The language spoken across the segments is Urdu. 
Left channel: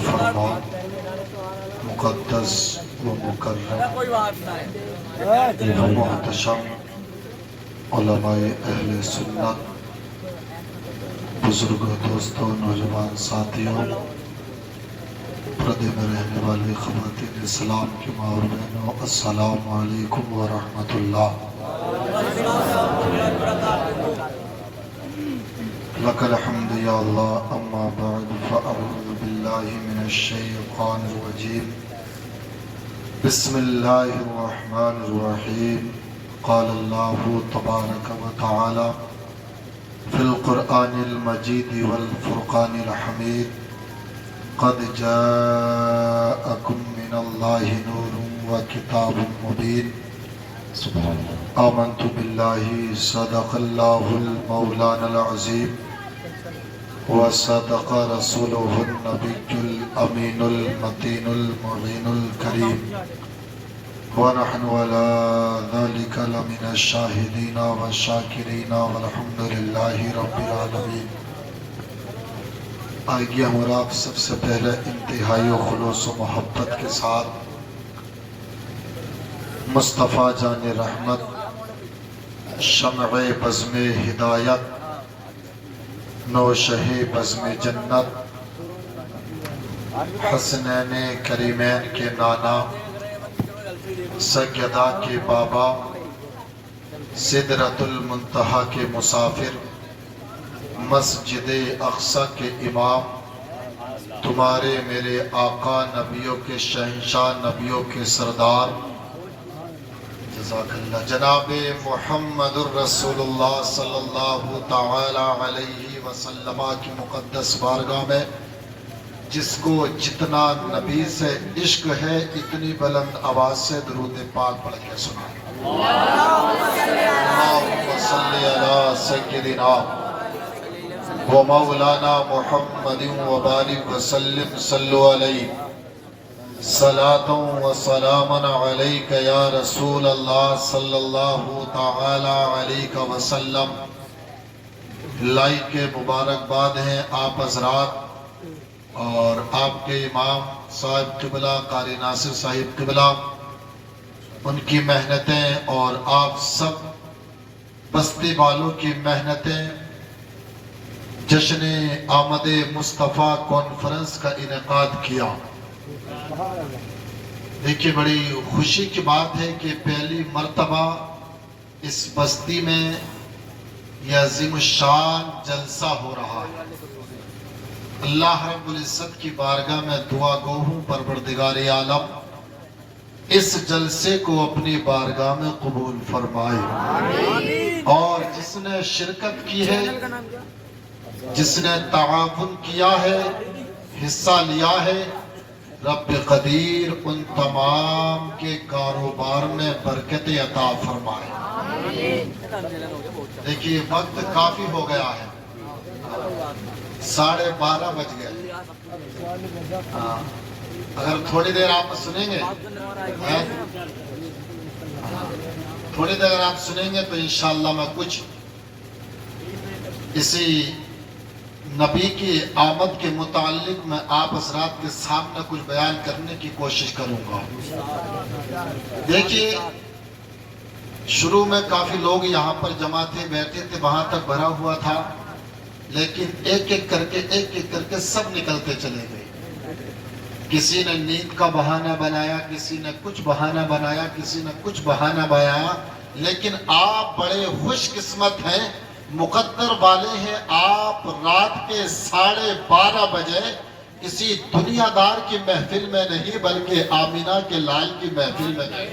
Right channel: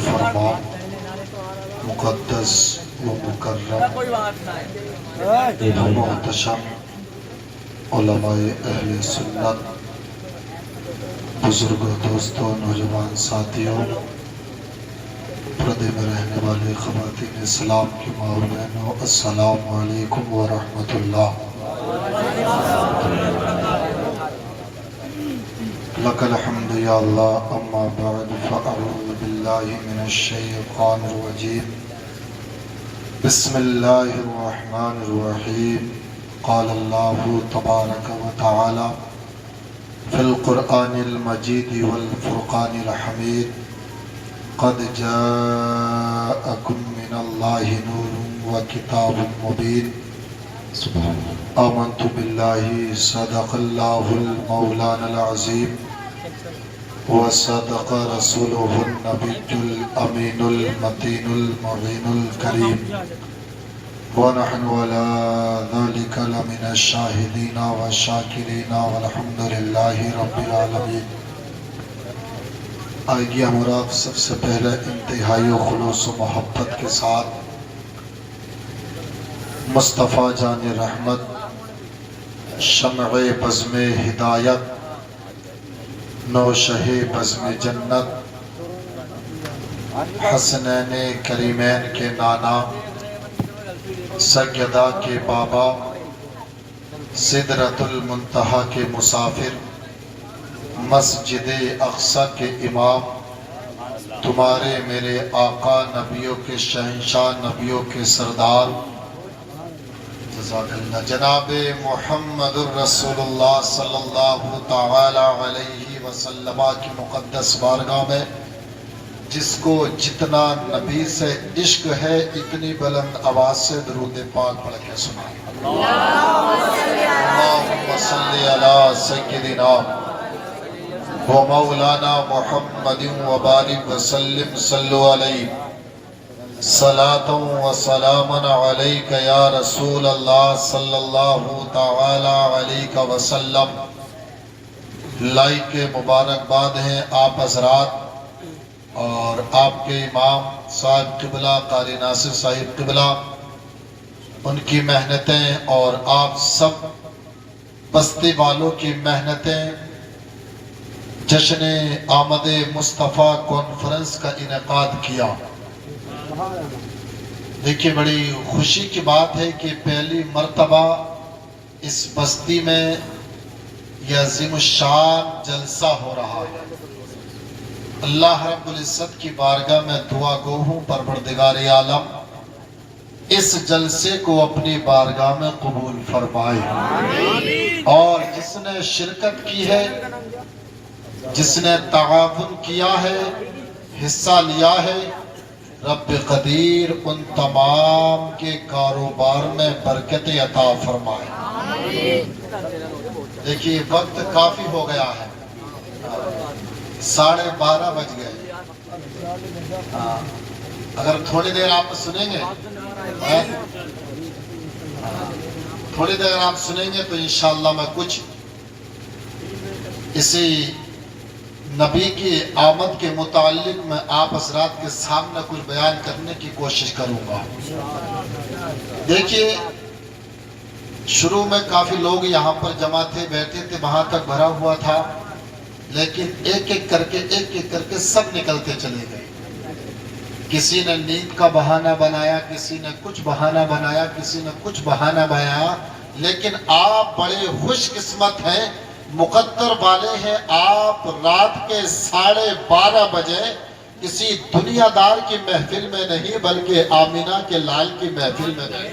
فرمان مقدس و مکرم و محتشم علماء اہل سنت، بزرگوں، دوستوں، نوجوان ساتھیوں، پردے میں رہنے والی خواتین اسلام کی ماں اور بہنوں، السلام علیکم ورحمۃ اللہ۔ لک الحمد یا اللہ، اما بعد فاعوذ باللہ من الشیطان الرجیم، بسم اللہ الرحمن الرحیم۔ قال اللہ تبارک و تعالی فی القرآن المجید والفرقان الحمید، قد جاءکم من اللہ نور و کتاب مبین، آمنت باللہ صدق اللہ المولانا العظیم وصدق رسولہ النبی الامین المتین المبین الکریم، ونحن على ذلك لمن الشاہدین والشاکرین والحمد للہ رب العالمین۔ آئیے ہم آپ سب سے پہلے انتہائی خلوص و محبت کے ساتھ مصطفیٰ جان رحمت، شمع بزم ہدایت، نوشہ بزم جنت، حسنین کریمین کے نانا، سیدہ کے بابا، سدرۃ المنتہا کے مسافر، مسجد اقصی کے امام، تمہارے میرے آقا، نبیوں کے شہنشاہ، نبیوں کے سردار، جزاک اللہ، جناب محمد الرسول اللہ صلی اللہ تعالی علیہ وسلم کی مقدس بارگاہ میں جس کو جتنا نبی سے عشق ہے اتنی بلند آواز سے درود پاک پڑھ کے سنائیں۔ اللہم صلی علی سیدنا و مولانا محمد و بارک وسلم، صلو علیہ صلاۃ و سلام علیک یا رسول اللہ صلی اللہ تعالی علیہ وسلم۔ لائق مبارکباد ہیں آپ حضرات اور آپ کے امام صاحب قبلہ قاری ناصر صاحب قبلہ، ان کی محنتیں اور آپ سب بستی والوں کی محنتیں، جشن آمد مصطفیٰ کانفرنس کا انعقاد کیا۔ دیکھیے بڑی خوشی کی بات ہے کہ پہلی مرتبہ اس بستی میں یہ عظیم الشان جلسہ ہو رہا ہے۔ اللہ رب العزت کی بارگاہ میں دعا گو ہوں، پروردگار عالم اس جلسے کو اپنی بارگاہ میں قبول فرمائے، اور جس نے شرکت کی ہے، جس نے تعاون کیا ہے، حصہ لیا ہے، رب قدیر ان تمام کے کاروبار میں برکت عطا فرمائے۔ دیکھیے وقت کافی ہو گیا ہے، 12:30 بج گئے۔ اگر تھوڑی دیر آپ سنیں گے، تھوڑی دیر آپ سنیں گے تو انشاءاللہ میں کچھ اسی نبی کی آمد کے متعلق میں آپ حضرات کے سامنے کچھ بیان کرنے کی کوشش کروں گا۔ دیکھیے شروع میں کافی لوگ یہاں پر جمع تھے، بیٹھے تھے، وہاں تک بھرا ہوا تھا، لیکن ایک ایک کر کے سب نکلتے چلے گئے۔ کسی نے نیند کا بہانہ بنایا، کسی نے کچھ بہانہ بنایا، کسی نے کچھ بہانہ بنایا، لیکن آپ بڑے خوش قسمت ہیں، مقدر والے ہیں، آپ رات کے 12:30 بجے کسی دنیا دار کی محفل میں نہیں بلکہ آمینہ کے لال کی محفل میں نہیں۔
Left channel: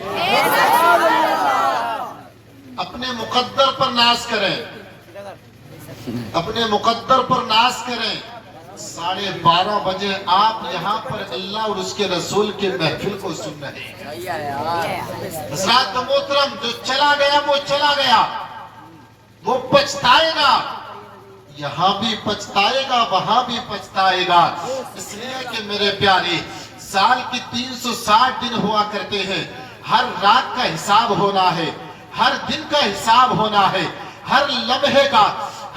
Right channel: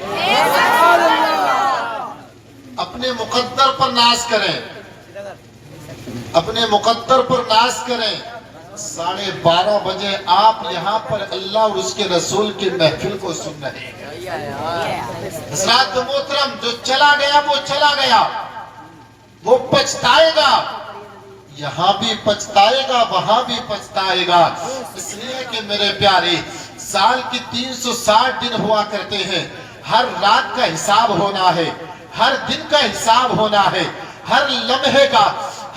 اپنے مقدر پر ناز کریں، اپنے مقدر پر ناز کریں۔ 12:30 بجے آپ یہاں پر اللہ اور اس کے رسول کی محفل کو سن رہے ہیں۔ حضرات محترم، جو چلا گیا وہ چلا گیا، وہ پچھتائے گا، یہاں بھی پچھتائے گا، وہاں بھی پچھتائے گا۔ اس لیے کہ میرے پیارے سال کی 360 دن ہوا کرتے ہیں، ہر رات کا حساب ہونا ہے، ہر دن کا حساب ہونا ہے، ہر لمحے کا،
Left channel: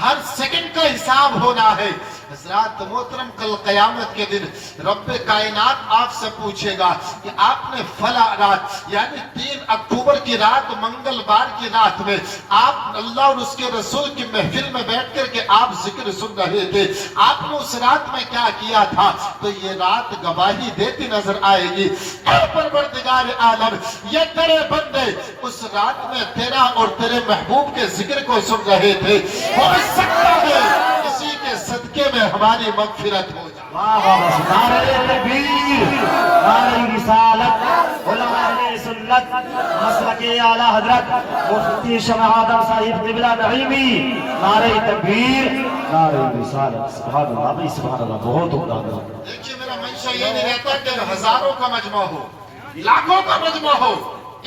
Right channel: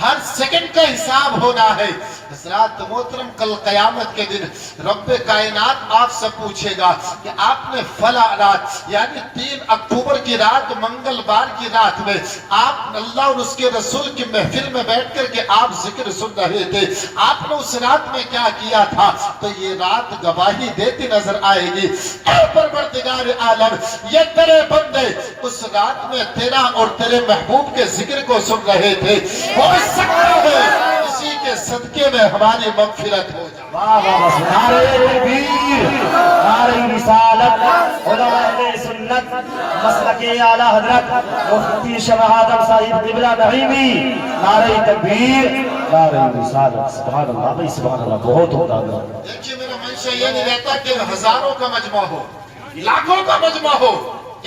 ہر سیکنڈ کا حساب ہونا ہے۔ حضرات محترم، کل قیامت کے دن رب کائنات آپ سے پوچھے گا کہ آپ نے فلاں رات یعنی 3 اکتوبر کی رات، منگل بار کی رات میں آپ اللہ اور اس کے رسول کی محفل میں بیٹھ کر کے آپ ذکر سن رہے تھے، آپ نے اس رات میں کیا کیا تھا؟ تو یہ رات گواہی دیتی نظر آئے گی، اے پروردگار عالم، یہ تیرے بندے اس رات میں تیرا اور تیرے محبوب کے ذکر کو سن رہے تھے، ہو سکتا ہے اسی کے صدقے میں ہماری مغفرت ہو جائے۔ واہ بس نعرہ تکبیر، نعرہ رسالت، علماء اہل سنت، مسلک اعلی حضرت مفتی شمع آدم صاحب قبلہ نعیمی، نعرہ تکبیر، نعرہ رسالت۔ سبحان اللہ بھائی، سبحان اللہ، بہت ہوتا ہے۔ دیکھیے میرا منشا یہ نہیں رہتا کہ ہزاروں کا مجمع ہو، لاکھوں کا مجمع ہو،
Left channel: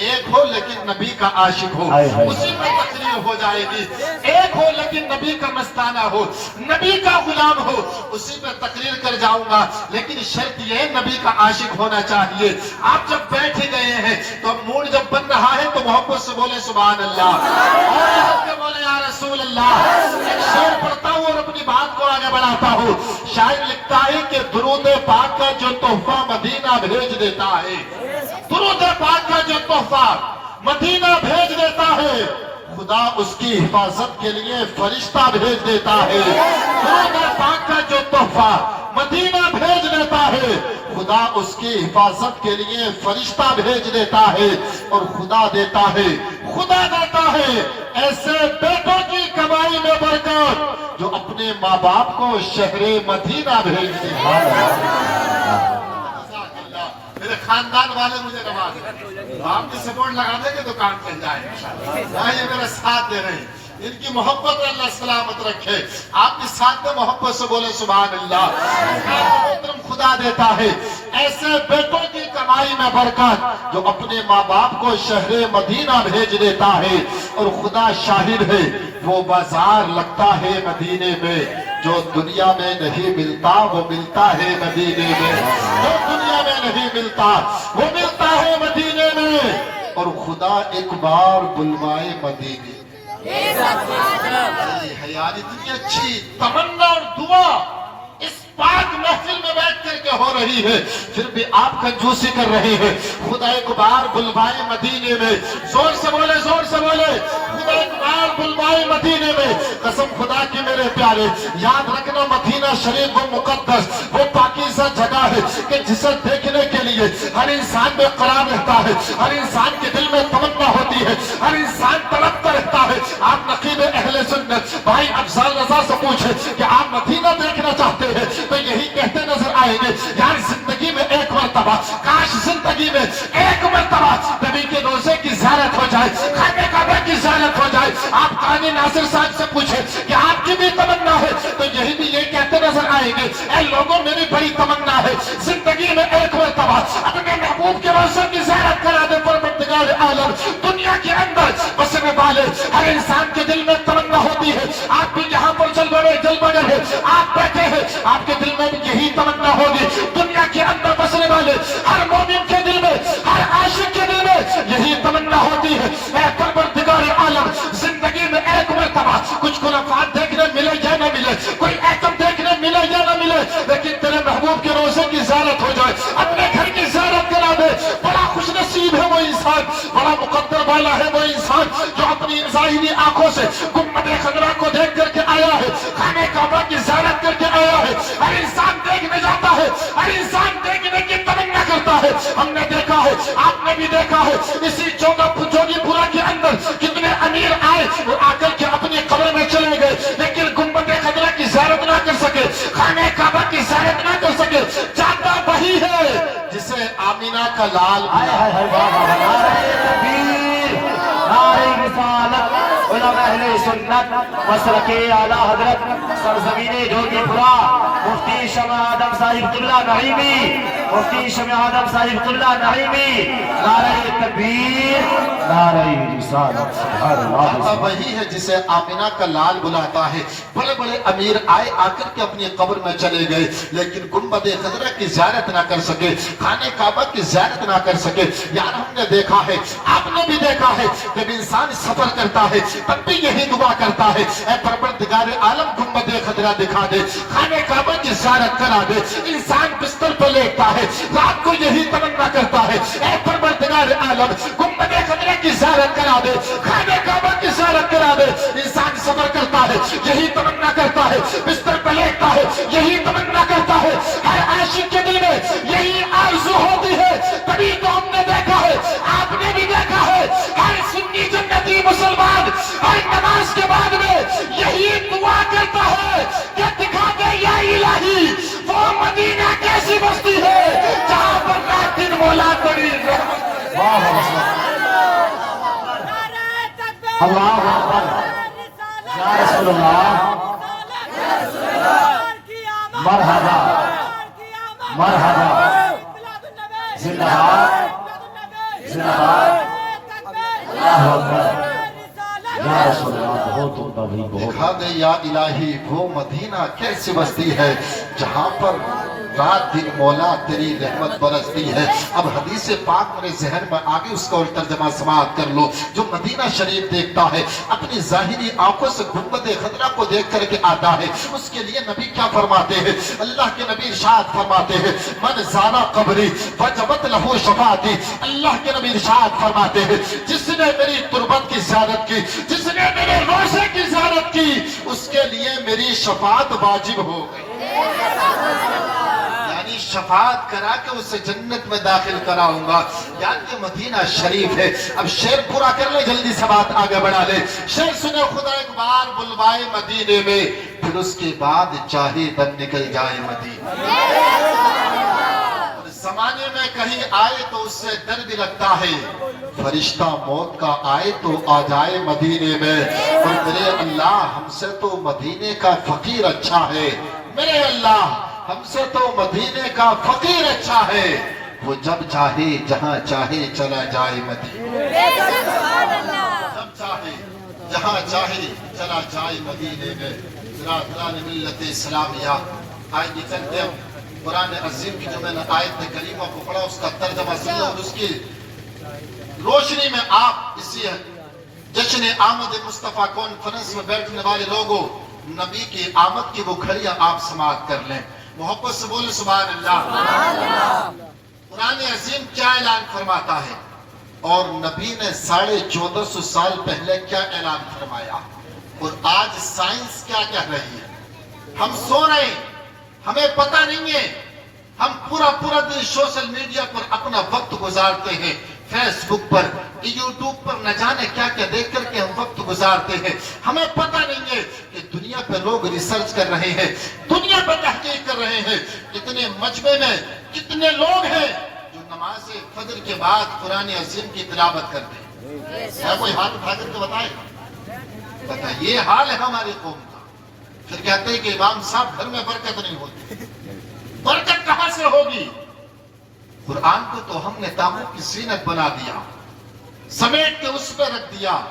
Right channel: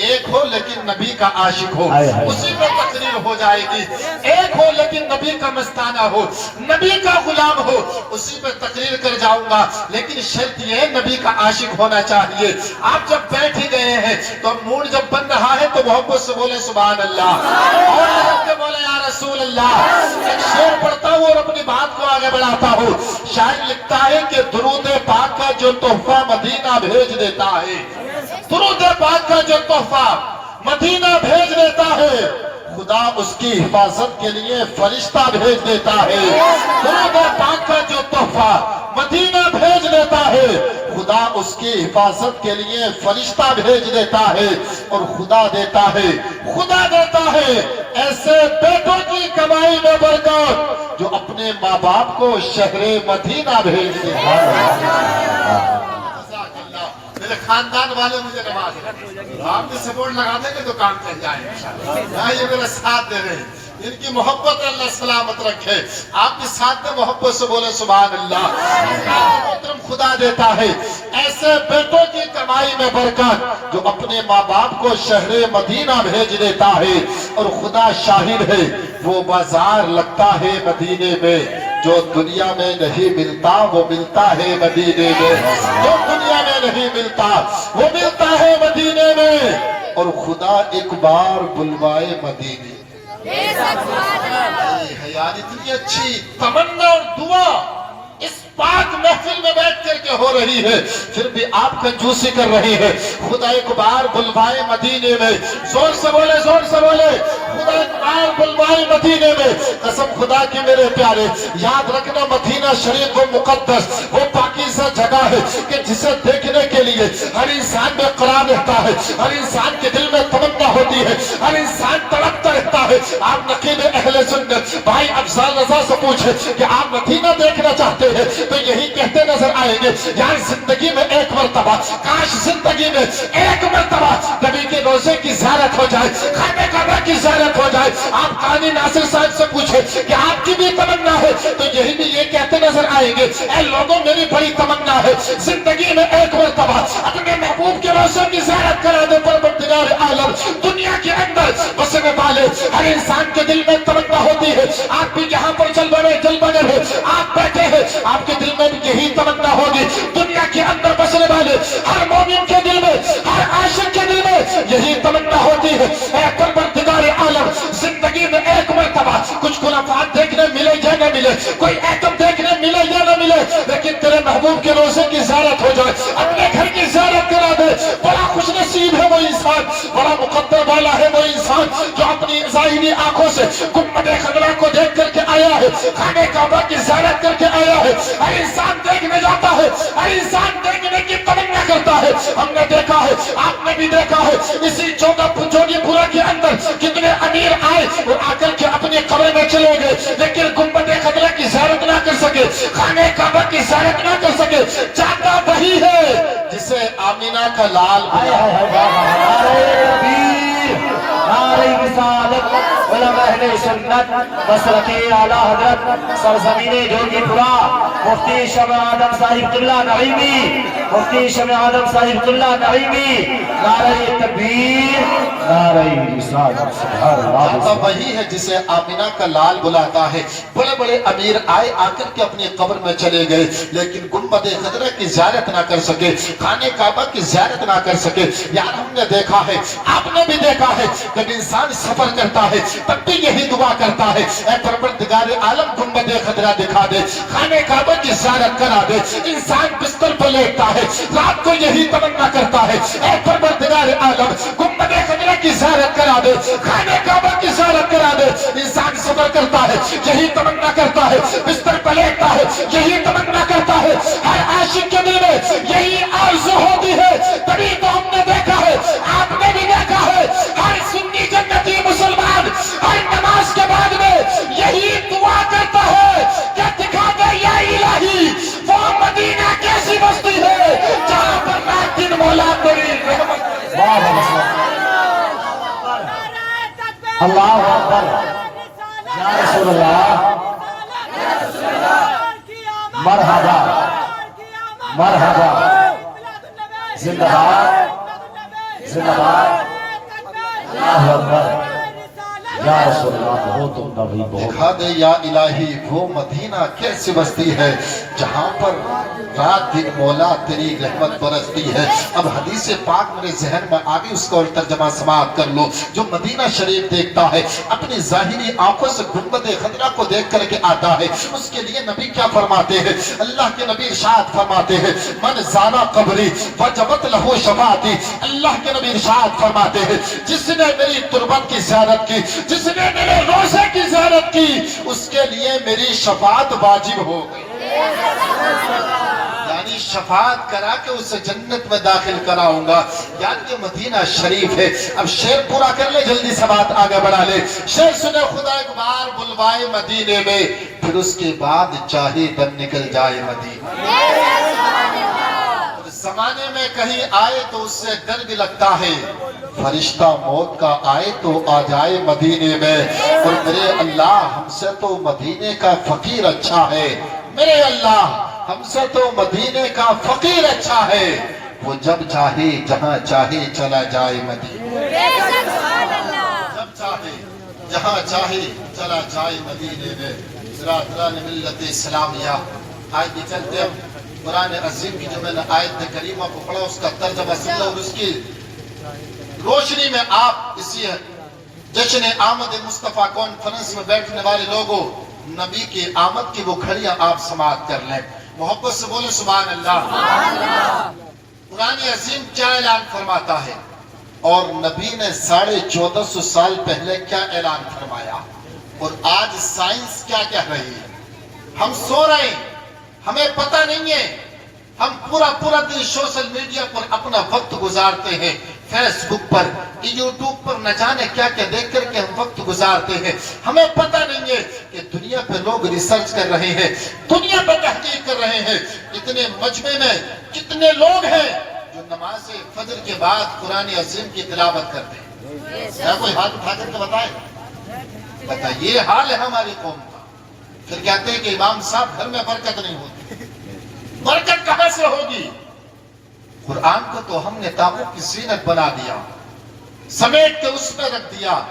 ایک ہو لیکن نبی کا عاشق ہو، اسی پہ تقریر ہو جائے گی۔ ایک ہو لیکن نبی کا مستانہ ہو، نبی کا غلام ہو، اسی پہ تقریر کر جاؤں گا، لیکن شرط یہ ہے نبی کا عاشق ہونا چاہیے۔ آپ جب بیٹھ گئے ہیں تو موڈ جب بن رہا ہے تو محبت سے بولے سبحان اللہ، اور لوگ کے بولے یا رسول اللہ۔ ایک شعر پڑھتا ہوں اور اپنی بات کو آگے بڑھاتا ہوں۔ شاعر لکھتا ہے کہ درود پاک کا جو تحفہ مدینہ بھیج دیتا ہے، درود پاک کا جو تحفہ مدینہ بھیج دیتا ہے، خدا اس کی حفاظت کے لیے فرشتہ بھیج دیتا ہے۔ درود پاک کا جو تحفہ مدینہ بھیج دیتا ہے، خدا اس کی حفاظت کے لیے فرشتہ بھیج دیتا ہے، اور خدا دیتا ہے، خدا دیتا ہے ایسے بیٹوں کی کمائی میں برکت جو اپنے ماں باپ کو شہر مدینہ بھیج دیتا ہے۔ میرے خاندان والے مجھے نواز ہیں، آپ بھی سپورٹ لگا دیں گے تو کام چل جائے، یہ میرا ساتھ دے رہے ہیں، ان کی محبت اللہ سلامت رکھے۔ آپ کے ساتھ میں محبت سے بولے سبحان اللہ۔ محترم، خدا دیتا ہے ایسے بیٹوں کی کمائی میں برکت جو اپنے ماں باپ کو شہر مدینہ بھیج دیتا ہے، اور خدا شاہد ہے وہ بازار لگتا ہے مدینے میں جو دنیا میں نہیں ملتا، وہ ملتا ہے مدینے میں، جو دنیا میں نہیں ملتا وہ ملتا ہے مدینے میں، اور خدا ایک بار بلوائے مدینے۔ حیال اتنی اچھی تمنا اور دعا اس پاک محفل میں بیٹھ کر کے ہو رہی ہے، پھر بھی آپ کنجوسی کر رہی ہے۔ خدا ایک بار بلوائے مدینے میں، زور سے بولے، زور سے بولے، خدا ایک بار بلوائے مدینے میں۔ قسم خدا کی میرے پیارے، یاد رکھنا مدینہ شریف وہ مقدس، وہ پاکیزہ جگہ ہے کہ جسے دیکھنے کے لیے ہر انسان میں قرار رہتا ہے، ہر انسان کے دل میں تمنا ہوتی ہے، ہر انسان تڑپتا رہتا ہے۔ آپ نقیب اہل سنت بھائی افضال رضا سے پوچھے کہ آپ مدینہ دیکھنا چاہتے ہیں تو یہی کہتے نظر آئیں گے، یار زندگی میں ایک مرتبہ، کاش زندگی میں ایک مرتبہ نبی کے روضے کی زیارت ہو جائے، خانہ کعبہ کی زیارت ہو جائے۔ آپ قانی ناصر صاحب سے پوچھے کہ آپ کی بھی تمنا ہے تو یہی بھی یہ کہتے نظر آئیں گے، اے لوگوں میری بڑی تمنا ہے زندگی میں ایک مرتبہ اپنے محبوب کے روضے کی زیارت کرا دے پروردگار عالم۔ دنیا کے اندر بسنے والے ہر انسان کے دل میں تمنا ہوتی ہے۔ آپ بھی یہاں پر جل بڑے ہیں، آپ بیٹھے ہیں، آپ کے دل میں بھی یہی تمنا ہوگی۔ دنیا کے اندر بسنے والے ہر مومن کے دل میں، ہر عاشق کے دل میں یہی تمنا ہوتی ہے، اے پروردگار عالم زندگی میں ایک مرتبہ کچھ خرافات دیکھنے ملے یا نہ ملے، کوئی ایٹم دیکھنے ملے یا نہ ملے، لیکن تیرے محبوب کے روضے کی زیارت ہو جائے، اپنے گھر کی زیارت کرا دے۔ بڑا خوش نصیب ہے وہ انسان، بڑا مقدر والا ہے وہ انسان جو اپنی ظاہری آنکھوں سے گنبد خضرا کو دیکھ کر کے آیا ہے، خانہ کعبہ کی زیارت کر کے آیا ہے۔ ہر انسان دیکھنے جاتا ہے، ہر انسان دیکھنے کی تمنا کرتا ہے۔ ہم نے دیکھا ہے، آپ نے بھی دیکھا ہے، اسی جوگی پورا کے اندر کتنے امیر آئے اور آ کر کے اپنی قبر میں چلے گئے، لیکن گنبد خضرا کی زیارت نہ کر سکے، خانہ کعبہ کی زیارت نہ کر سکے۔ جاتا وہی ہے جسے آمینہ کا لال نعرہ رسالت، علماء اہل سنت، مسلک اعلی حضرت سرزمین جوگی پورا مفتی شمع آدم صاحب قبلہ نعیمی، مفتی شمع آدم صاحب قبلہ نعیمی، نعرہ تکبیر، نعرہ رسالت، سبحان اللہ۔ اللہ وہی ہے جسے آمینہ کا لال بلاتا ہے۔ بڑے بڑے امیر آئے آ کر کے اپنی قبر میں چلے گئے، لیکن گنبد خضرا کی زیارت نہ کر سکے، خانہ کعبہ کی زیارت نہ کر سکے۔ یار ہم نے دیکھا ہے، آپ نے بھی دیکھا ہے، جب انسان سفر کرتا ہے تب بھی یہی دعا کرتا ہے، اے پروردگار عالم گنبد خضرا دکھا دے، خانہ کعبہ کی زیارت کرا دے۔ انسان بستر پر لیٹتا ہے، رات کو یہی تمنا کرتا ہے، اے پروردگار عالم گنبد خضرا کی زیارت کرا دے، خانہ کعبہ کی زیارت کرا دے۔ انسان سفر کرتا ہے، یہی تمنا کرتا ہے، بستر پر لیٹتا ہے، یہی تمنا کرتا ہے۔ ہر عاشق کے دل میں یہی آرزو ہوتی ہے، تبھی تو ہم نے دیکھا ہے، آپ نے بھی دیکھا ہے، ہر سنی جنتی مسلمان ہر نماز کے بعد میں یہی دعا کرتا ہے کہ دکھا دے یا الہی وہ مدینہ کیسی بستی ہے جہاں پر رات دن مولا تیری رحمت۔ اللہ اکبر، یا رسول اللہ، مرحبا مرحبا، زندہ باد زندہ باد، اللہ اکبر، یا رسول اللہ، بہت عمدہ بھی بہت۔ دکھا دے یا الہی وہ مدینہ کیسی بستی ہے جہاں پر رات دن مولا تیری رحمت برستی ہے۔ اب حدیث پاک میرے ذہن میں آگے اس کا اور ترجمہ سماعت کر لو۔ جو مدینہ شریف دیکھتا ہے اپنی ظاہری آنکھوں سے گنبد خضرا کو دیکھ کر کے آتا ہے، اس کے لیے نبی کیا فرماتے ہیں؟ اللہ کے نبی ارشاد فرماتے ہیں، من زارا قبری وجبت لہو شفاعتی۔ اللہ کے نبی ارشاد فرماتے ہیں، جس نے میری تربت کی زیارت کی، جس نے میرے روزے کی زیارت کی، اس کے لیے میری شفاعت واجب ہو گئی، یعنی شفاعت کرا کے اسے جنت میں داخل کراؤں گا۔ یعنی یہ مدینہ شریف ہے۔ اب شعر پورا کر لے، جلدی سے بات آگے بڑھا لے۔ شعر سنے، خدا ایک بار بلوائے مدینے میں، پھر اس کے بعد چاہے دم نکل جائے مدینے۔ زمانے میں کہیں آئے تو اس سے ڈر بھی لگتا ہے، فرشتہ موت کا آئے تو آ جائے مدینے میں۔ اور میرے اللہ ہم سے تو مدینے کا فقیر اچھا ہے، میرے اللہ ہم سے تو مدینے کا فقیر اچھا ہے، وہ جب چاہے جہاں چاہے چلا جائے مدینے، جب چاہے جہاں چاہے چلا جائے مدینے میں۔ برادران ملت اسلامیہ، آج بھی چلتے ہیں قرآن عظیم کی جو میں نے آیت کریمہ کو پڑھا اس کا ترجمہ سن لو، اور اس کی روشنی میں آپ اسی جشن آمد مصطفیٰ کانفرنس میں بیٹھنے والے لوگوں نبی کی آمد کی وہ گھڑیاں آپ سماعت کر لیں۔ محبت سے بولے سبحان اللہ۔ قرآن عظیم کیا اعلان فرماتا ہے اور نبی نے 1450 سال پہلے کیا اعلان فرمایا، اور آج سائنس کیا کہہ رہی ہے؟ ہم سو رہے ہیں، ہمیں پتہ نہیں ہے، ہم پورا دن سوشل میڈیا پر اپنا وقت گزارتے ہیں، فیس بک پر، یوٹیوب پر، نہ جانے کیا کیا دیکھ کر کے ہم وقت گزارتے ہیں۔ ہمیں پتہ نہیں ہے کہ دنیا پہ لوگ ریسرچ کر رہے ہیں، دنیا پہ تحقیق کر رہے ہیں، اتنے مجمع میں کتنے لوگ ہیں جو نماز فجر کے بعد قرآن عظیم کی تلاوت کرتے ہیں۔ کیا کوئی ہاتھ اٹھا کر کے بتائے؟ یہ حال ہے ہماری قوم کا۔ پھر کہتے ہیں کہ امام صاحب گھر میں برکت نہیں ہوتی، برکت کہاں سے ہوگی؟ قرآن کو تو ہم نے تابوت کی زینت بنا دیا، سمیٹ کے اس پہ رکھ دیا۔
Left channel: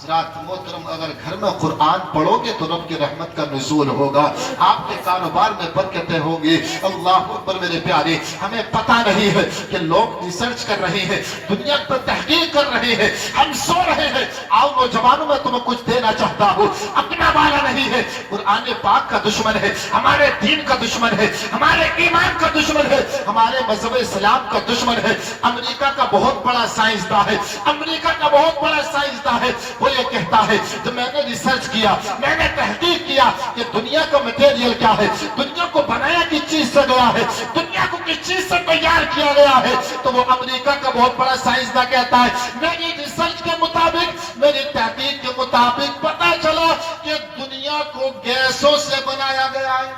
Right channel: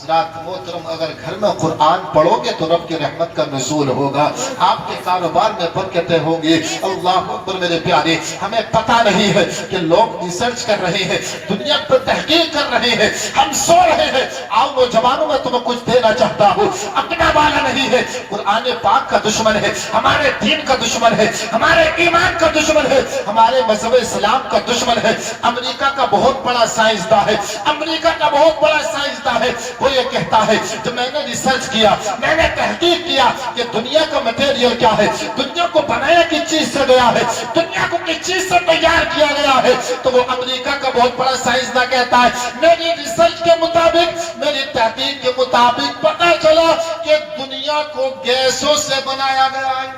حضرات محترم، اگر گھر میں قرآن پڑھو گے تو رب کی رحمت کا نزول ہوگا، آپ کے کاروبار میں برکتیں ہوں گی۔ اللہ اکبر میرے پیارے، ہمیں پتہ نہیں ہے کہ لوگ ریسرچ کر رہے ہیں، دنیا پر تحقیق کر رہے ہیں، ہم سو رہے ہیں۔ آؤ نوجوانوں، میں تمہیں کچھ دینا چاہتا ہوں، اپنا والا نہیں ہے، قرآن پاک کا دشمن ہے، ہمارے دین کا دشمن ہے، ہمارے ایمان کا دشمن ہے، ہمارے مذہب اسلام کا دشمن ہے۔ امریکہ کا بہت بڑا سائنسداں ہے، امریکہ کا بہت بڑا سائنسداں ہے، وہ یہ کہتا ہے کہ میں نے ریسرچ کیا، میں نے تحقیق کیا کہ دنیا کا مٹیریل کیا ہے، دنیا کو بنایا کس چیز سے گیا ہے، دنیا کو کس چیز سے تیار کیا گیا ہے۔ تو وہ امریکہ کا بہت بڑا سائنسداں کہتا ہے میری ریسرچ کے مطابق، میری تحقیق کے مطابق پتہ چلا کہ دنیا کو گیسوں سے بنایا گیا ہے،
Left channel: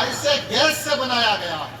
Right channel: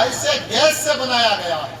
ایسے گیس سے بنایا گیا ہے۔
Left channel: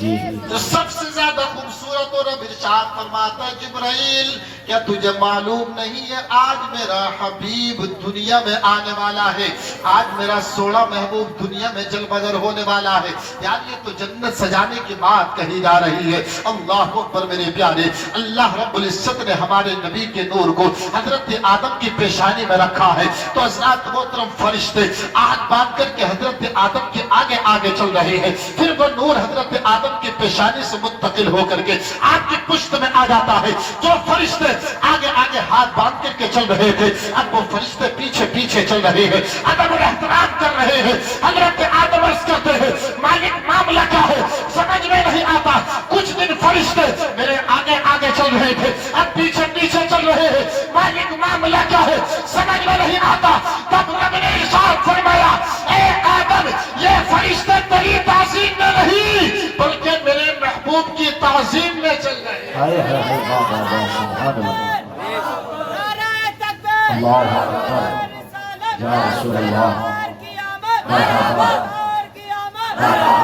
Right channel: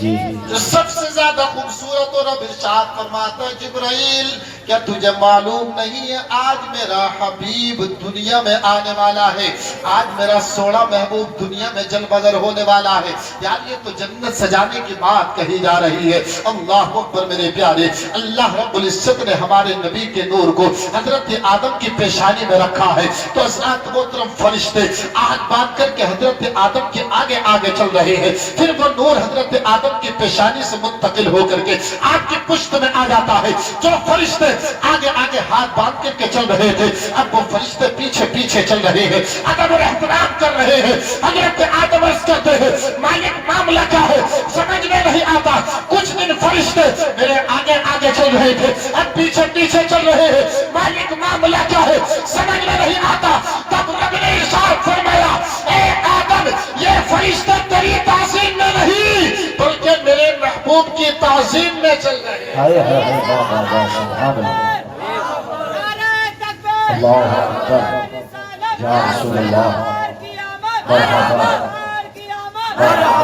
جی جو سب سے زیادہ خوبصورت اور اب ارشاد فرماتا ہے جبرائیل کیا تجھے معلوم نہیں ہے آج میرا حبیب دنیا میں آنے والا ہے، آج میرا سوڑا محبوب دنیا میں جلوگر ہونے والا ہے۔ یار یہ تو جنت سجانے کی بات کہی جا رہی ہے۔ اللہ اکبر میرے پیارے، اللہ رب العزت نے ہمارے نبی کے نور کو حضرت آدم کی پیشانی میں رکھا ہے، تو حضرات محترم فرشتے آگ باندھ کر کے حضرت آدم کے آگے آگے چل رہے ہیں، پھر وہ نور حضرت آدم کی پیشانی سے منتقل ہو کر کے آپ کی پشت میں آ جاتا ہے۔ جو فرشتے آگے آگے ہاتھ باندھ کر کے چل رہے تھے اب وہ فرشتے پیچھے پیچھے چل رہے ہیں، ادب اور احترام کر رہے ہیں۔ حضرت آدم عرض کرتے ہیں مالک معاملہ کیا ہے سمجھ میں نہیں آتا، کچھ دن فرشتے میرے آگے آگے چل رہے تھے اب پیچھے پیچھے چل رہے ہیں، مالک معاملہ کیا ہے سمجھ میں نہیں آتا۔ تب رب نے ارشاد فرمایا اے آدم یہ فرشتے تیری تعظیم میں نہیں بلکہ میرے محبوب کی تعظیم میں چل رہے ہیں۔ ہائے ہائے ہائے واہ واہ واہ سبحان اللہ اللہ اکبر یا رسول اللہ مرحبا مرحبا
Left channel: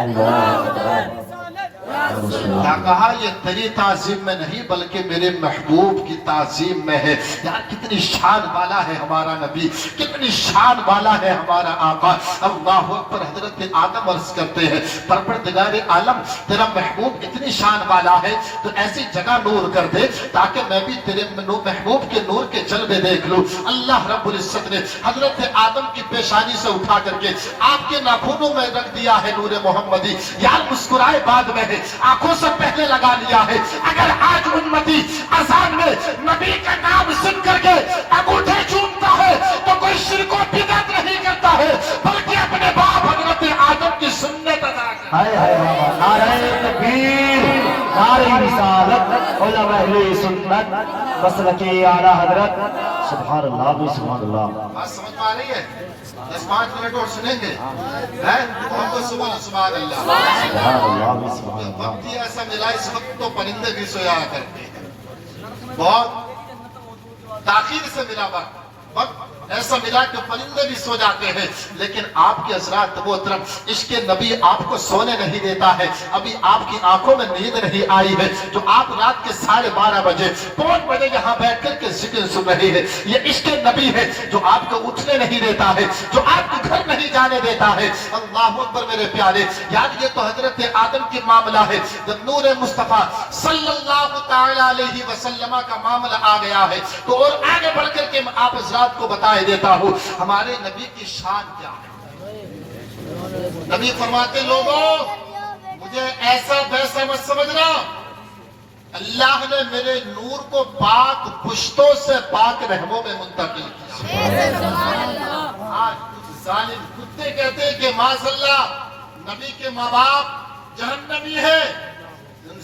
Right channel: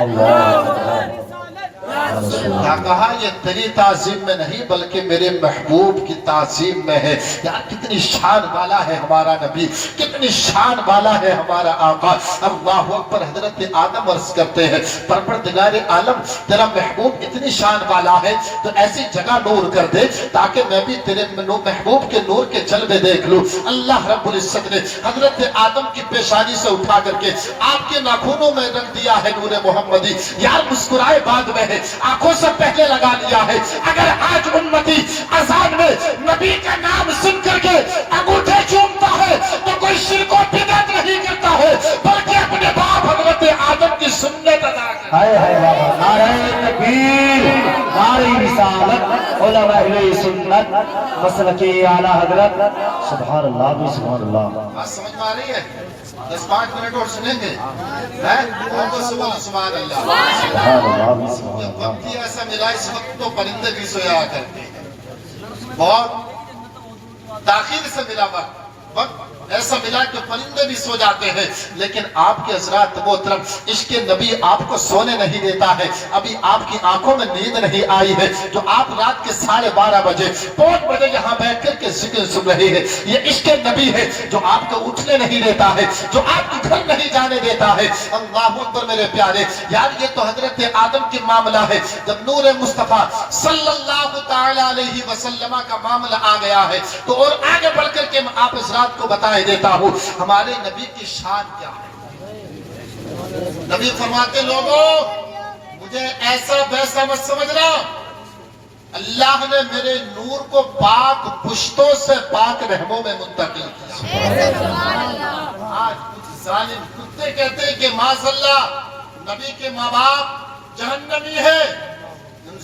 اللہ اکبر یا رسول کیا اللہ۔ کہا یہ تیری تعظیم میں نہیں بلکہ میرے محبوب کی تعظیم میں ہے۔ یار کتنی شان والا ہے ہمارا نبی، کتنی شان والا ہے ہمارا آقا۔ اللہ اکبر۔ حضرت آدم عرض کرتے ہیں پروردگار عالم تیرا محبوب اتنی شان والا ہے تو ایسی جگہ نور کر دے تاکہ میں بھی تیرے محبوب کے نور کے جلوے دیکھ لوں۔ اللہ رب العزت نے حضرت آدم کی پیشانی سے اٹھا کر کے آپ کے ناخنوں میں رکھ دیا ہے نور محمدی۔ یار مسکرائے بعد میں ہے، آنکھوں سے پہلے لگا لیا ہے۔ اگر آج امتی اذان میں نبی کا نام سن کر کے انگوٹھے چومتا ہے تو کوئی شرک و بدعت نہیں کرتا ہے بلکہ اپنے باپ حضرت آدم کی سنت ادا کرتا ہے۔ ہائے ہائے واہ واہ نعرہ تکبیر نعرہ رسالت علماء اہل سنت مسلک اعلیٰ حضرت سبحان اللہ بھی سبحان اللہ۔ بات سمجھ میں آ رہی ہے؟ 10-5 منٹ اور سنیں گے محمد سبحان اللہ سبحان اللہ بھی سبحان اللہ۔ وقت ہی ایسا ملا اس وقت تو پرندے بھی سویا کرتے ہیں، بہت تاخیر سے ملا وقت ایسا ملا کہ پرندے بھی سو جاتے ہیں، لیکن آپ کے حضرات محترم عشق نبی آپ کو سونے نہیں دیتا ہے۔ ابھی آپ کی آنکھوں میں نیند نہیں آئی ہے جو آپ رات کے 12:30 بجے 5 بجے یہاں بیٹھ کر کے ذکر سن رہے ہیں، یہ عشق نبی ہے جو آپ کو اٹھنے نہیں دیتا ہے، جو آپ کے گھر نہیں جانے دیتا ہے۔ اللہ اکبر میرے پیارے، یار یہ تو حضرت آدم کی معاملہ ہے۔ جب نور مصطفیٰ صلی اللہ تعالی علیہ وسلم کا معاملہ آ گیا ہے تو اور آگے بڑھ کر کے میں آپ حضرات کو بتائے دیتا ہوں ہمارے نبی کی شان کیا ہے۔ نبی فرماتے لوگوں مجھے ایسا ویسا مت سمجھنا، اللہ نے میرے نور کو پاک پشتوں سے پاک رحموں میں منتقل کیا۔ آج کچھ ظالم کتے کہتے ہیں کہ معاذ اللہ نبی کے ماں باپ جہنمی ہے،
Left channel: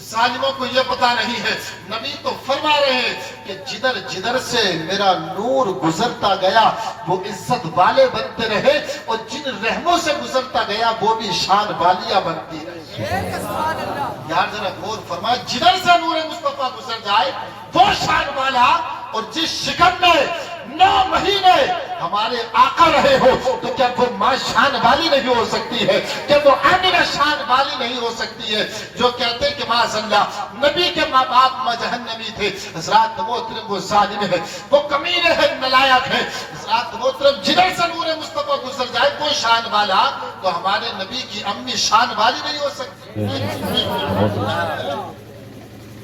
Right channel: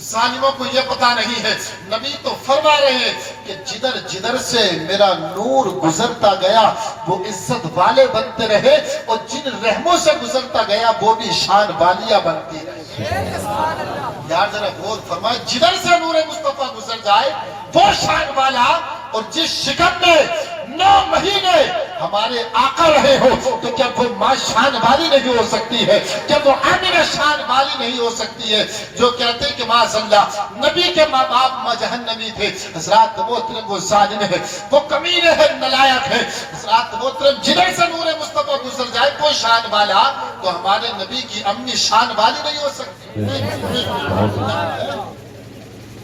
ظالموں کو یہ پتا نہیں ہے۔ نبی تو فرما رہے ہیں کہ جدھر جدھر سے میرا نور گزرتا گیا وہ عزت والے بنتے رہے اور جن رحموں سے گزرتا گیا وہ بھی شان والیاں بنتی رہی۔ یار ذرا غور فرمائے، جدھر سے نور مصطفیٰ گزر جائے وہ شان والا، اور جس شکم میں 9 مہینے ہمارے آقا رہے ہو تو کیا وہ ماں شان والی نہیں ہو سکتی ہے؟ کیا وہ آمنہ شان والی نہیں ہو سکتی ہے؟ جو کہتے ہیں کہ معاذ اللہ نبی کے ماں باپ ماں جہنمی تھے، حضرات محترم وہ ظالم ہے، وہ کمینے ہے، نلائق ہے۔ حضرات محترم جدھر سے نور مصطفیٰ گزر جائے کوئی شان والا تو ہمارے نبی کی امی شان والی نہیں ہو سکتی۔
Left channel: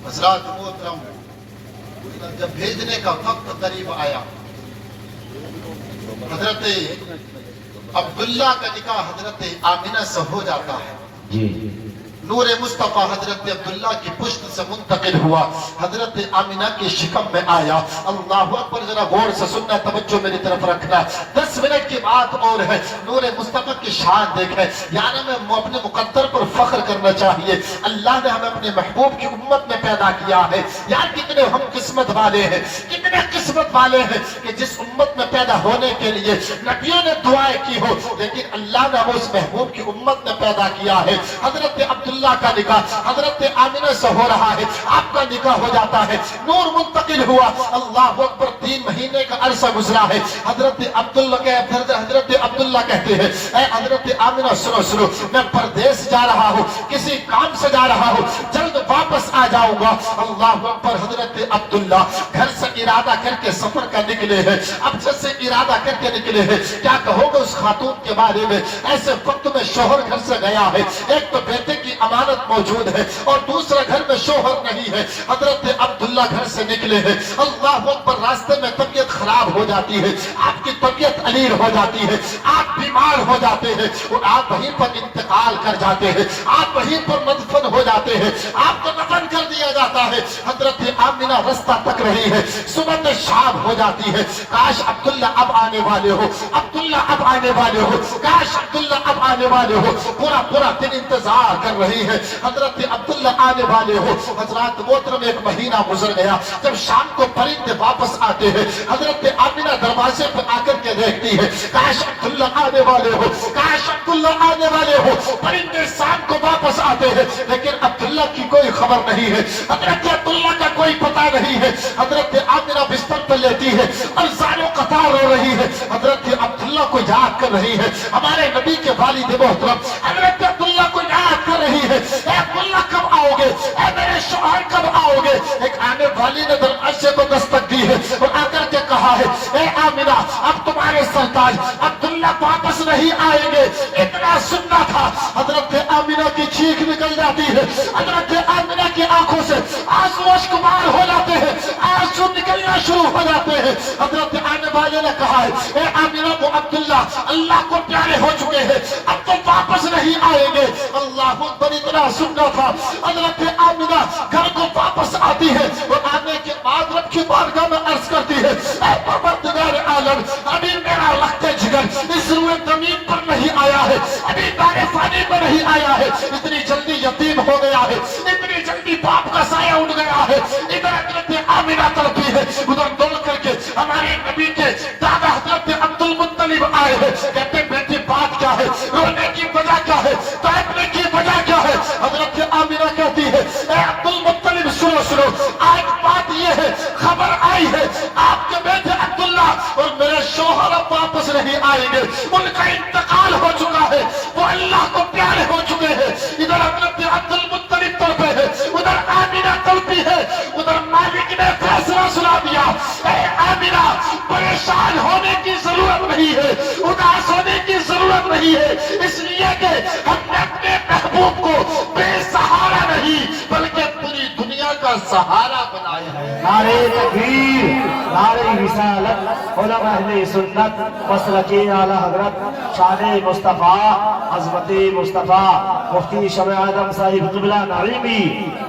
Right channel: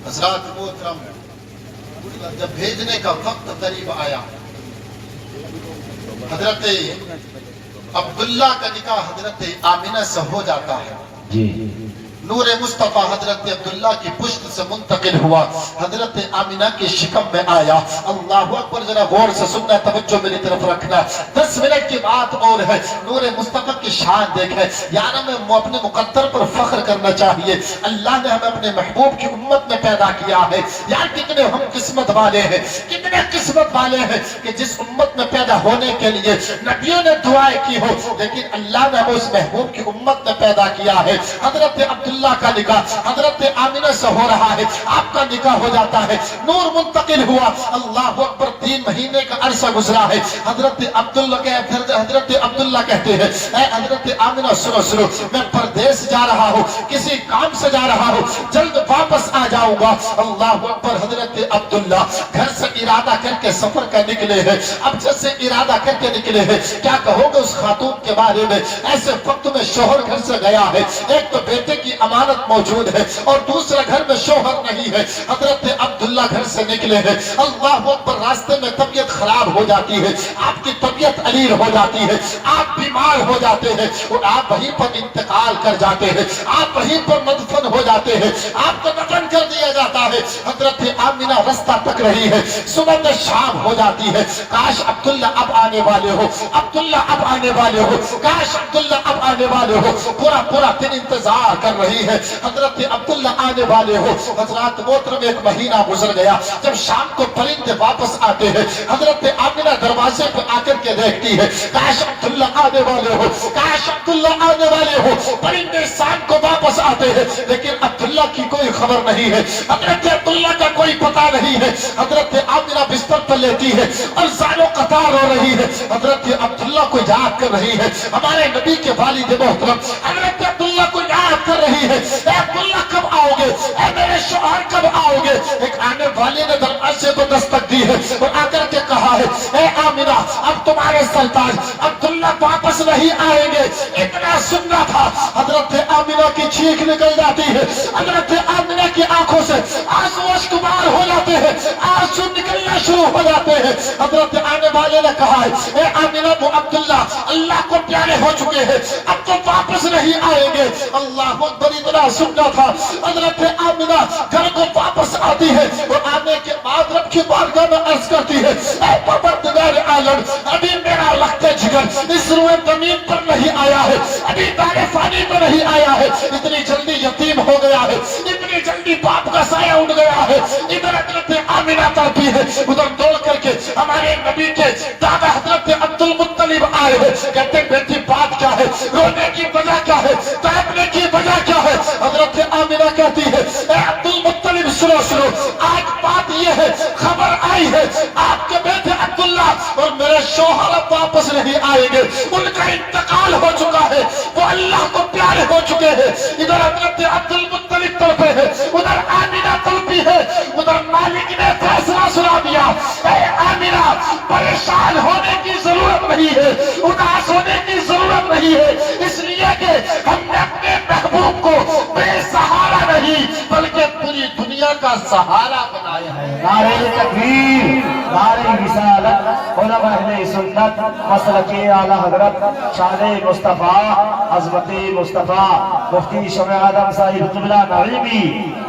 حضرات محترم جب بھیجنے کا وقت قریب آیا حضرت عبداللہ کا نکاح حضرت آمنہ سے ہو جاتا ہے۔ جی نور مصطفیٰ حضرت عبداللہ کی پشت سے منتقل ہوا، حضرت آمنہ کی شکم میں آیا۔ اللہ اکبر، ذرا غور سے سننا، توجہ میری طرف رکھنا۔ 10 منٹ کی بات اور ہے، نور مصطفیٰ کی شان دیکھیں۔ یار ہمیں اپنے مقدر پر فخر کرنا چاہیے، اللہ نے ہمیں اپنے محبوب کی امت میں پیدا کیا ہے۔ یار کتنے ہم قسمت والے ہیں، کتنے قسمت والے ہیں کہ جس امت میں پیدا ہونے کے لیے نبیوں نے دعائیں کی ہو، لیکن اللہ نے ہمیں اس محبوب کی امت میں پیدا کیا ہے۔ حضرت عبداللہ کا نکاح حضرت آمنہ سے ہو رہا ہے، آپ کا نکاح ہو جاتا ہے، نور منتقل ہوا، اللہ اکبر 3 مہینے کا عرصہ گزرا ہے۔ حضرت عبداللہ کہتے ہیں اے حضرت آمنہ سنو، میں پردیس جا رہا ہوں، کسی کام سے جا رہا ہوں، جلد واپس آ جاؤں گا۔ اللہ اکبر، حضرت عبداللہ گھر سے ارادہ کر کے سفر کا نکلے ہیں، اب جیسے ارادہ کر کے نکلے ہیں، کیا کہو گے اس خاتون کے بارے میں؟ ایسے وقت میں شوہر گھر سے گیا ہے، ایک تو بیٹے کی امانت موجود ہے اور دوسرا گھر میں شوہر نہیں ہے۔ حضرت عبداللہ گھر سے نکلے ہیں، اللہ اکبر، راستے میں طبیعت خراب ہو جاتی ہے، آپ کی طبیعت علیل ہو جاتی ہے، آپ بیمار ہو جاتے ہیں اور آپ وہیں پر انتقال کر جاتے ہیں، آپ وہیں پر مدفن ہو جاتے ہیں، آپ کو دفن کر دیا جاتا ہے۔ حضرت آمنہ رستہ تک رہی ہے، صبح میں شام ہو جاتی ہے، کاش عبداللہ اب آنے والے ہو، عبداللہ اب آنے والے ہو، کاش عبداللہ اب آنے والے ہو، پورا دن انتظار کر رہی ہے، حضرت عبداللہ آنے والے ہو۔ حضرات محترم، 1 مہینہ گزر گیا، جب شام کو پرندے واپس آتے ہیں، حضرت آمنہ دروازے پہ آ کر کے دیکھتی ہے، کاش عبداللہ آنے والے ہو، کاش عبداللہ آنے والے ہو۔ پرندے شام کو واپس آتے ہیں، لیکن عبداللہ کی کوئی خبر نہیں ہے، حضرت عبداللہ کا کوئی پتہ نہیں ہے۔ حضرت آمنہ بستر پر لیٹی ہے اور زانو قطار ہو رہی ہے، حضرت عبداللہ کو یاد کر رہی ہے، ہمارے نبی کے والد محترم حضرت عبداللہ کو یاد کر رہی ہے، اے عبداللہ کب آؤ گے، اے میرے شوہر کب آؤ گے؟ ایک آنے والی نے دروازے کو دستک دی ہے اور آ کر کے کہا ہے، اے آمنہ، اب تمہارے سرتاج عبداللہ واپس نہیں آئیں گے، اتنا سننا تھا۔ حضرت آمنہ کی چیخ نکل جاتی ہے، حضرت آمنہ کی آنکھوں سے آنسو اشکبار ہو جاتے ہیں، آنسو نکلنا شروع ہو جاتے ہیں۔ حضرت آنے والے نے کہا ہے، اے آمنہ، وہ عبداللہ اللہ کو پیارے ہو چکے ہیں، اب تو واپس نہیں آئیں گے۔ اللہ اکبر، اتنا سننا تھا۔ حضرت آمنہ گھر کو واپس آتی ہے اور آنے کے بعد رب کی بارگاہ میں عرض کرتی ہے، اے پروردگار عالم، ابھی میرا لخت جگر اس روئے زمین پر نہیں آیا ہے، ابھی دار فانی پر نہیں آیا ہے، اتنی جلدی یتیم ہو گیا ہے، اتنی جلدی باپ کا سایہ اٹھ گیا ہے۔ ادھر حضرت آمنہ تڑپی ہے، ادھر دوڑ کر کے ہمارے نبی کے دادا حضرت عبد المطلب آئے ہیں، کہتے ہیں بیٹی بات کیا ہے، رونے کی وجہ کیا ہے، تڑپنے کی وجہ کیا ہے؟ حضرت آمنہ کہتی ہے، اے عبد المطلب، سنو، آج بات یہ ہے، خبر آئی ہے آپ کے بیٹے عبداللہ اور میرے شوہر اب واپس نہیں آئیں گے، ان کا انتقال ہو چکا ہے، وہ اللہ کو پیارے ہو چکے ہیں۔ ادھر حضرت عبد المطلب تڑپے ہیں، ادھر آمنہ تڑپی ہے، ادھر مالک نے فیصلہ سنا دیا، اے آمنہ، پریشان ہونے کی ضرورت نہیں ہے، اداس ہونے کی ضرورت نہیں ہے، اس لیے کہ ہم نے اپنے محبوب کو بے سہارا نہیں بلکہ پوری دنیا کا سہارا بنایا ہے۔ نعرہ تکبیر، نعرہ رسالت، علماء اہل سنت، مسلک اعلی حضرت شان مصطفیٰ، عظمت مصطفیٰ مفتی شمع آدم صاحب قبلہ نعیمی،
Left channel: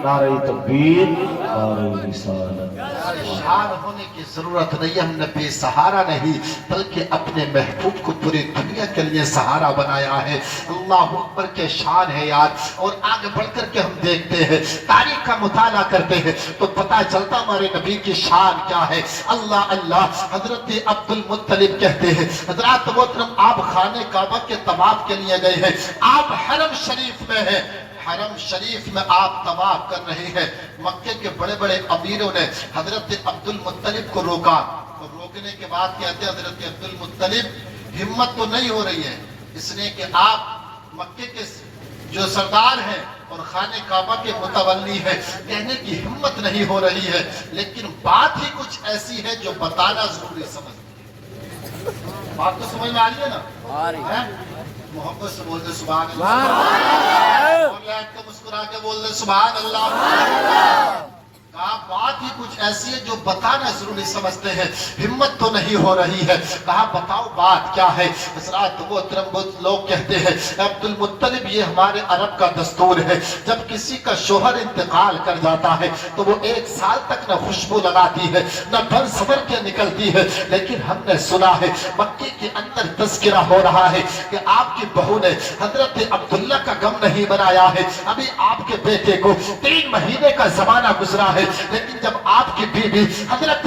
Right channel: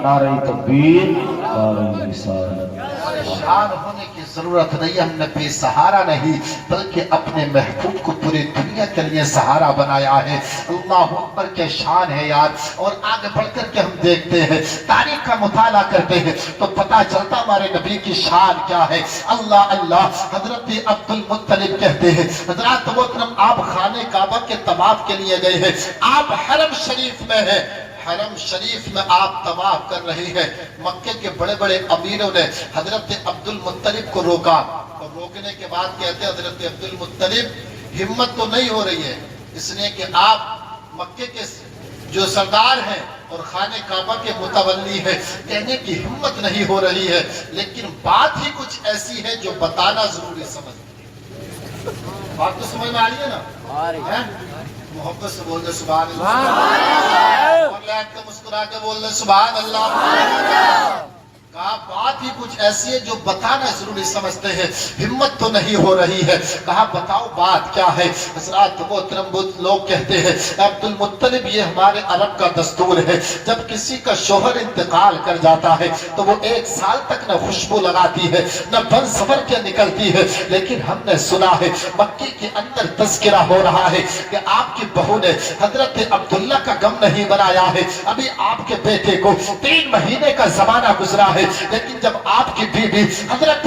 نعرہ تکبیر، نعرہ رسالت۔ پریشان ہونے کی ضرورت نہیں، ہم نے بے سہارا نہیں بلکہ اپنے محبوب کو پوری دنیا کے لیے سہارا بنایا ہے۔ اللہ اکبر، کے شان ہے یار۔ اور آگے بڑھ کر کے ہم دیکھتے ہیں، تاریخ کا مطالعہ کرتے ہیں تو پتہ چلتا ہمارے نبی کی شان کیا ہے۔ اللہ، حضرت عبد المطلب کہتے ہیں، حضرات محترم، آپ خانہ کعبہ کے طواف کے لیے گئے ہیں، آپ حرم شریف میں ہیں، حرم شریف میں آپ طواف کر رہے ہیں، مکے کے بڑے بڑے امیروں نے حضرت عبد المطلب کو روکا، اور روکنے کے بعد کہتے ہیں حضرت عبد المطلب، ہمت تو نہیں ہو رہی ہے، اس لیے کہ آپ مکے کے جو سردار ہیں اور خانہ کعبہ کے متولی ہیں، کہنے کی ہمت نہیں ہو رہی ہے، لیکن بات ہی کچھ ایسی ہے جو بتانا ضروری سمجھ۔ بات تو سمجھ میں آ رہی ہے نا؟ محبت سے بول دے سبحان اللہ، اور لائٹ کے مسکرا کے بول دے سبحان اللہ۔ کہا بات ہی کچھ ایسی ہے جو بتانا ضروری سمجھتے ہیں، ہمت تو نہیں ہو رہی ہے۔ کہا بتاؤ بات کیا ہے؟ حضرات محترم، بہت لوگ کہتے ہیں عبد المطلب، یہ ہمارے عرب کا دستور ہے، جب کسی کا شوہر انتقال کر جاتا ہے تو وہ 1 سال تک نہ خوشبو لگاتی ہے نہ بن سنور کے نکلتی ہے، لیکن ہم نے سنا ہے مکے کے اندر تذکرہ ہو رہا ہے کہ آپ کی بہو نے حضرت عبداللہ کا غم نہیں بنایا ہے، ابھی آپ کے بیٹے کو 3 مہینے کا زمانہ گزرا ہے، لیکن جب آپ کی بیوی حضرت